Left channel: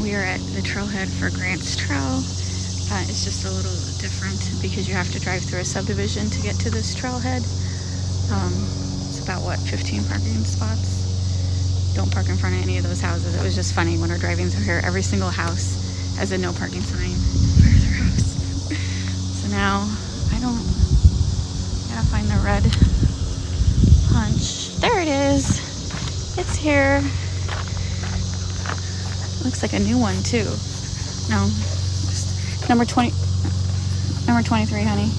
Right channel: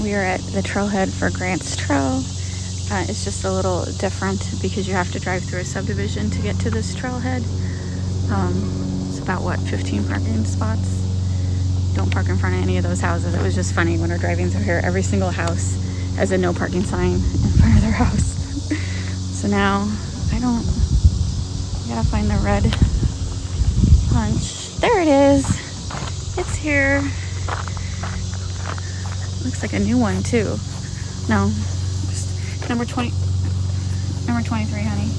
We are at the Trailhead for Grants Trail. It's just a little different because you have to drive through a subdivision to get to this trailhead. It's about, what, 15 parking spots? Don't park in front of any of those houses. It was just funny when we're driving through here. Every single house has a no parking sign in front of their house. So now, I gotta find the red punch. There it is. It's here. Looks like a new one too. No, just number 23, honey.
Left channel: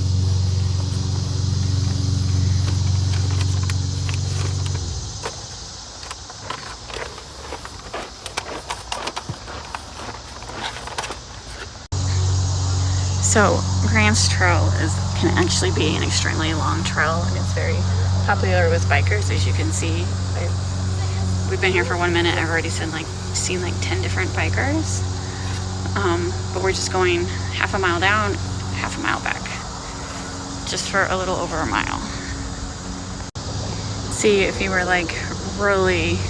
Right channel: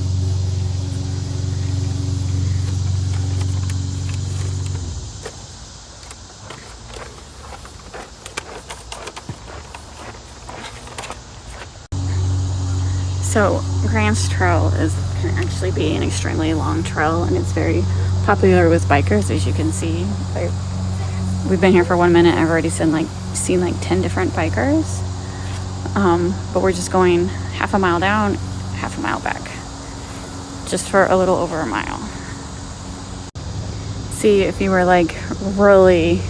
So Grants Trail can actually be an extremely long trail, and it's very popular with bikers, as you can see. We've been here for 1 minute. I've already seen like 10 different bikers. But we're just going half a mile down, half a mile back, just for a little over a mile. See, if you were like really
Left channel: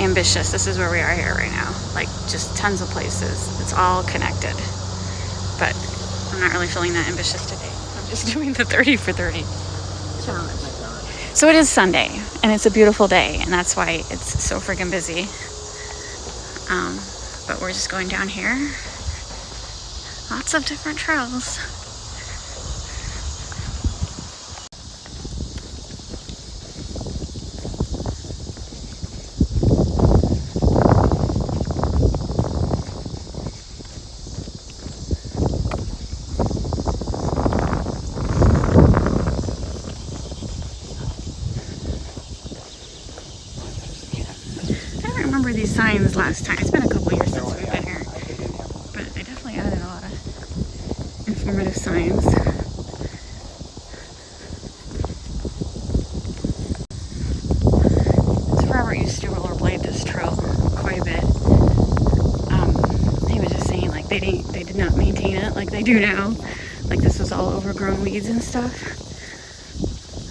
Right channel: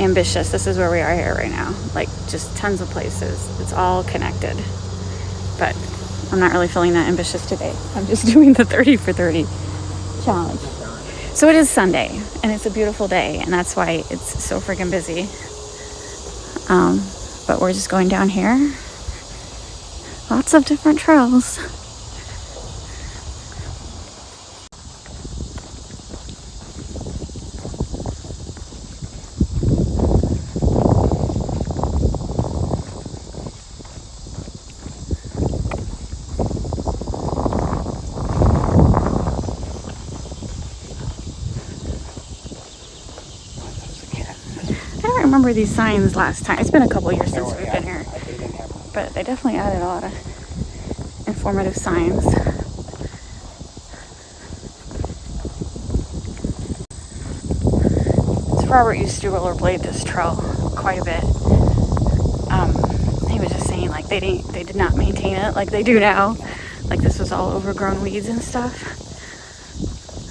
ambitious, this is where we are here right now. Like just tons of places. It's all connected. But I'm not really feeling that ambitious today. I'm just doing the 30 for 30 challenge. So it is Sunday, and it's a beautiful day, and that's why it's so freaking busy. But we're just going down here. Lots of different trails. I remember these signs last time. It's been a couple years since we've been here, but they definitely added a lot of informative signs. So Robert used to rollerblade this trail quite a bit. He was just saying like they did not maintain it like they do now. Like this was all overgrown weeds and stuff.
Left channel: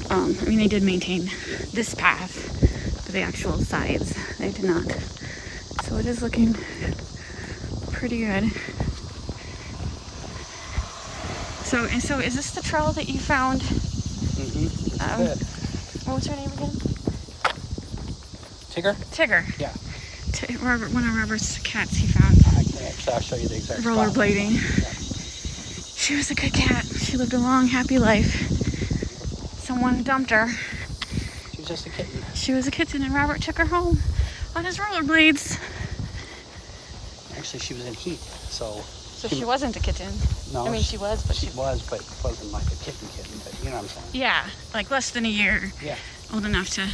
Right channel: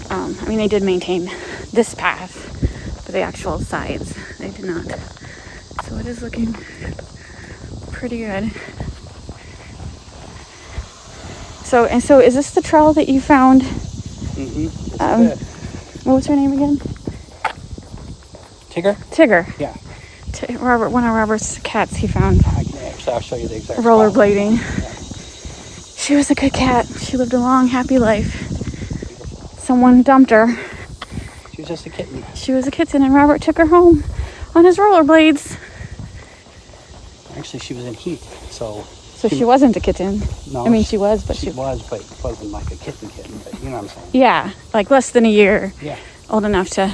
I mean, they did maintain this path, but the actual sides they did not. So it is looking pretty good. So is this the trail that you found? Mm-hmm. What was her name again? Tigger. Yeah. Robert, one of Robert's cats he found. I'll show you the exact rollerblading. She was a good cat. She lived a long, happy life. Someone dumped her. She was just a kitten. She was a kitten, and Robert took her home on his rollerblades. Actually, she was in heat, so she wasn't a kitten. No, I mean, she was, but she was, but it wasn't like a kitten, but you know what I'm saying. Yeah, like less than a year. Yeah. Old enough to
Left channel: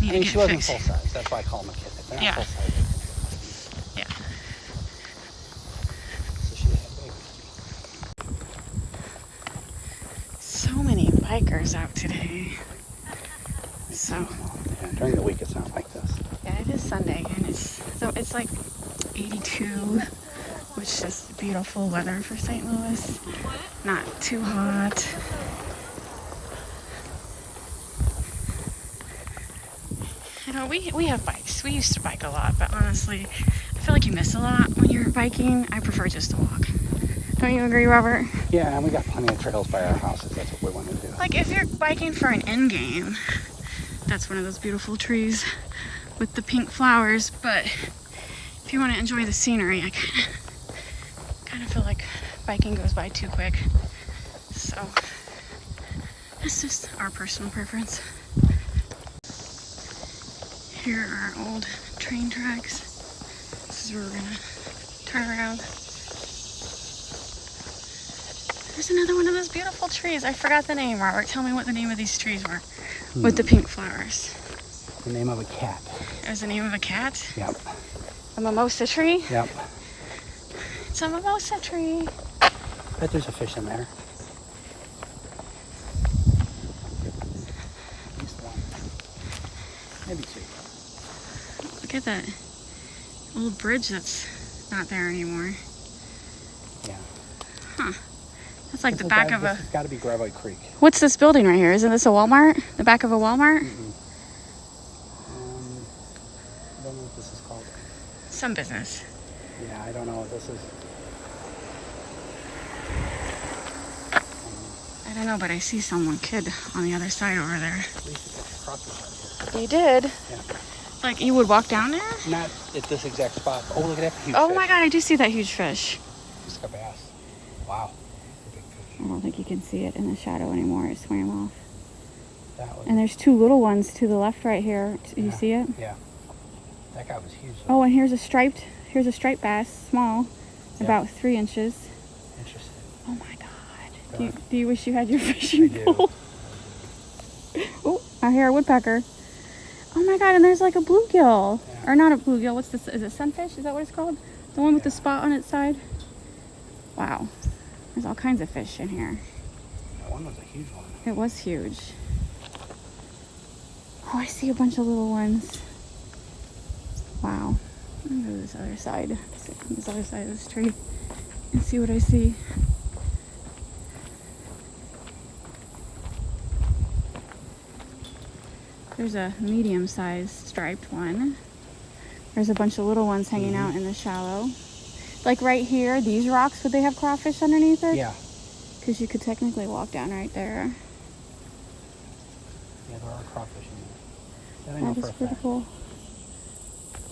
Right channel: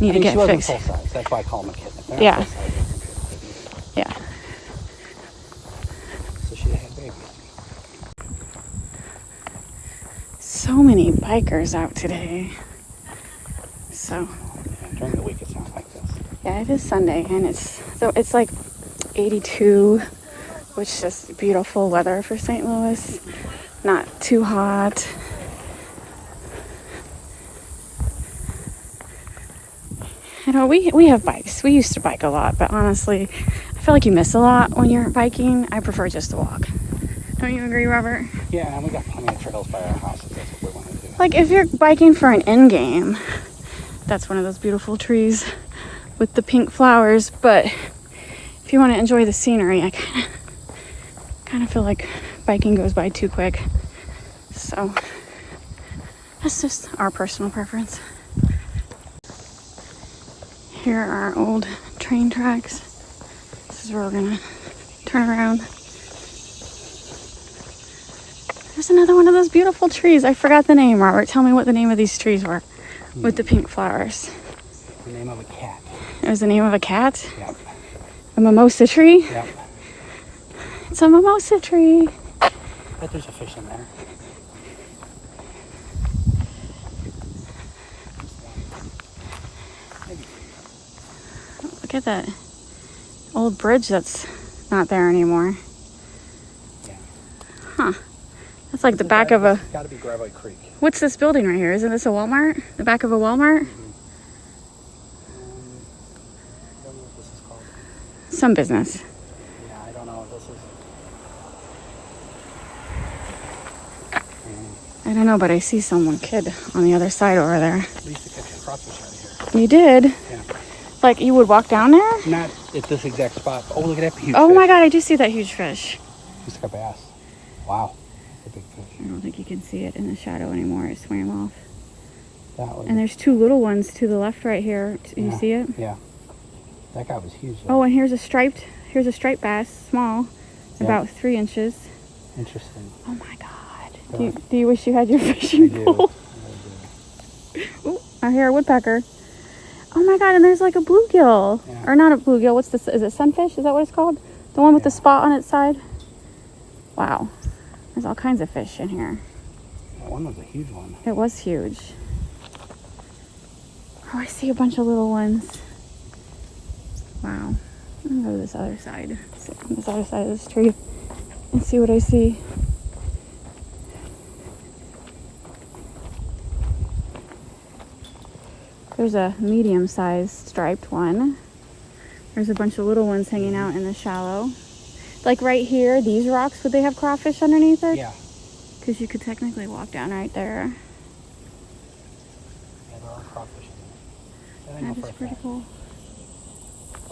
need to get fixed. Full size. That's why I call them a kitten. Yeah. Yeah. So she had a baby. So many bikers out today. So. During the week, it's not like this. Yeah, it is Sunday, and it's like 82, which is beautiful weather for St. Louis. Not too hot. You know, we have bikes. We used to bike a lot, but honestly, I feel like you miss a lot when you're biking. I prefer just to walk. Don't you agree, Robert? Yeah, and we got plenty of trails by our houses. That's what we want to do. Like, if you're biking for an end game, that's one of those beautiful trees with the pink flowers. But if you want to enjoy the scenery, I kind of feel like biking goes by too quick. So that's just our personal preference. Here are our old train tracks. This is where we're gonna turn around. There's another one of those beautiful trees. I forgot the name, Robert. Tell me what the name of these trees were with the pink flowers. The name of a cat. It was the name of a cat? Yep. A mimosa tree? Yep. It's a mimosa tree. I bet there's a fish in there. Look at that old bridge that's not there anymore. Yeah. Huh. That's like the back of a... It's got to be Graboid Creek. What's this building right here? Isn't this a Walmart? The back of a Walmart? Mm-hmm. I don't know what this is called. some business. Yeah, I don't know what this is. I don't know, but I see someone kid on the other side over there. I used to catch a crawfish out You did? here. Yeah. Like you would walk down there? Not at this exact spot. Oh, look at that huge Oh fish. my god, I do see that huge fish. It's like a bass. Wow. That's a big fish. I don't think you can see it in the shadow anymore. It swam off. That was, And there's two little ones to the left right here. You Yeah. see it? Yeah. That guy was huge. Though. Oh, and here's a striped bass, small, Yeah. about 3 inches. Interesting. Oh my god. Do you wish you had your fishing pole? Oh, I hear a woodpecker. Oh my god, and there's like a bluegill. Yeah. Or not a bluegill, what's this? Is it sunfish? Is that what it's called? The one with the spot on its side? Wow. There's all kinds of fish in here. That one was a huge one. It was huge. Oh, I see a bunch of little ones. Wow. I'm gonna go to this other side. Sit on this other side of this tree and see what I see. There's a medium-sized striped one. There's a bunch of little ones hanging out in the shallow. Like right here, these rocks, would they have crawfish underneath it? Yeah. Because you could technically walk down right there. Yeah, there are crawfish in there. That is pretty cool.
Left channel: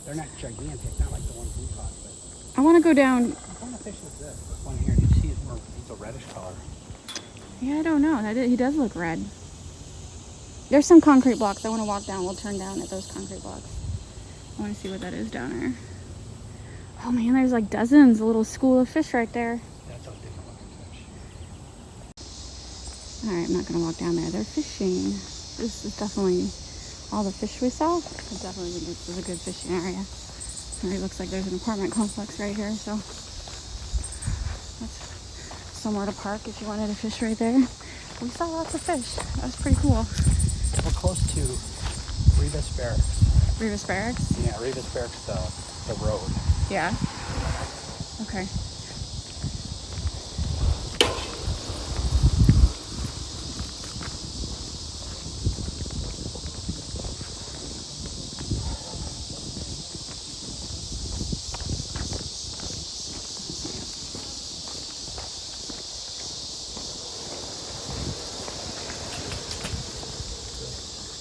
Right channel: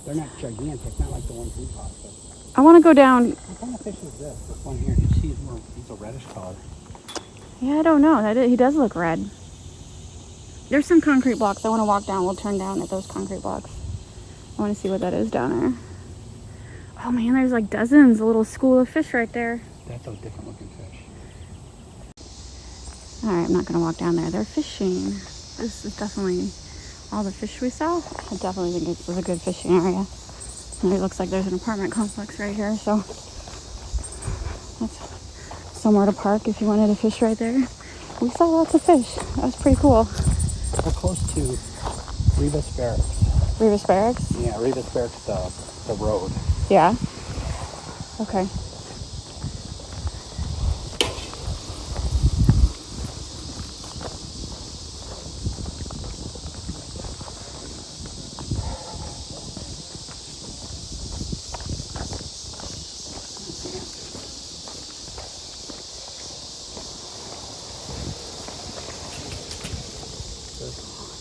They're not gigantic, not like the ones we caught. I want to go down. What kind of fish is this? This one here, do you see he's a reddish color. Yeah, I don't know. He does look red. There's some concrete blocks. I want to walk down. We'll turn down at those concrete blocks. I want to see what that is down there. Oh man, there's like dozens, a little school of fish right there. That's a different looking fish. All right, I'm not going to walk down there. They're fishing. This is definitely all the fish we saw. I definitely think this is a good fishing area. And it looks like there's an apartment complex right here, so that's somewhat a park if you wanted to fish right there. We saw lots of fish. That was pretty cool. We're close to Rebus Barracks. Rebus Barracks? Yeah, Rebus Barracks, the road. Yeah. Okay.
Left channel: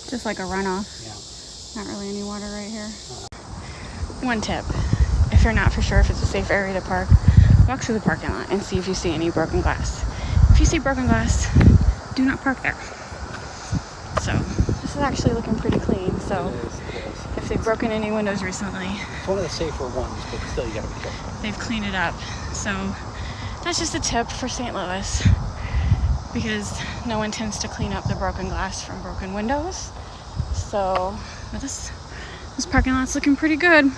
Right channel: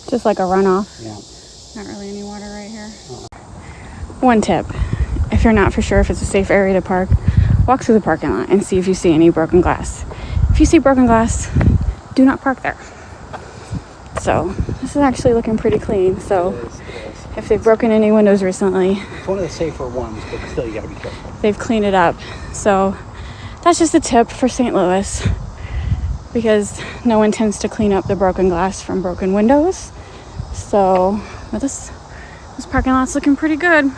Just like a runoff. Yeah. Not really any water right here. One tip, if you're not for sure if it's a safe area to park, walk through the parking lot and see if you see any broken glass. If you see broken glass, do not park there. So this is actually looking pretty clean. So if they've broken any windows recently, It's one of the safer ones, but still you gotta be careful. they've cleaned it up. So that's just a tip for St. Louis, because no one tends to clean up the broken glass from broken windows. So this parking lot's looking pretty good.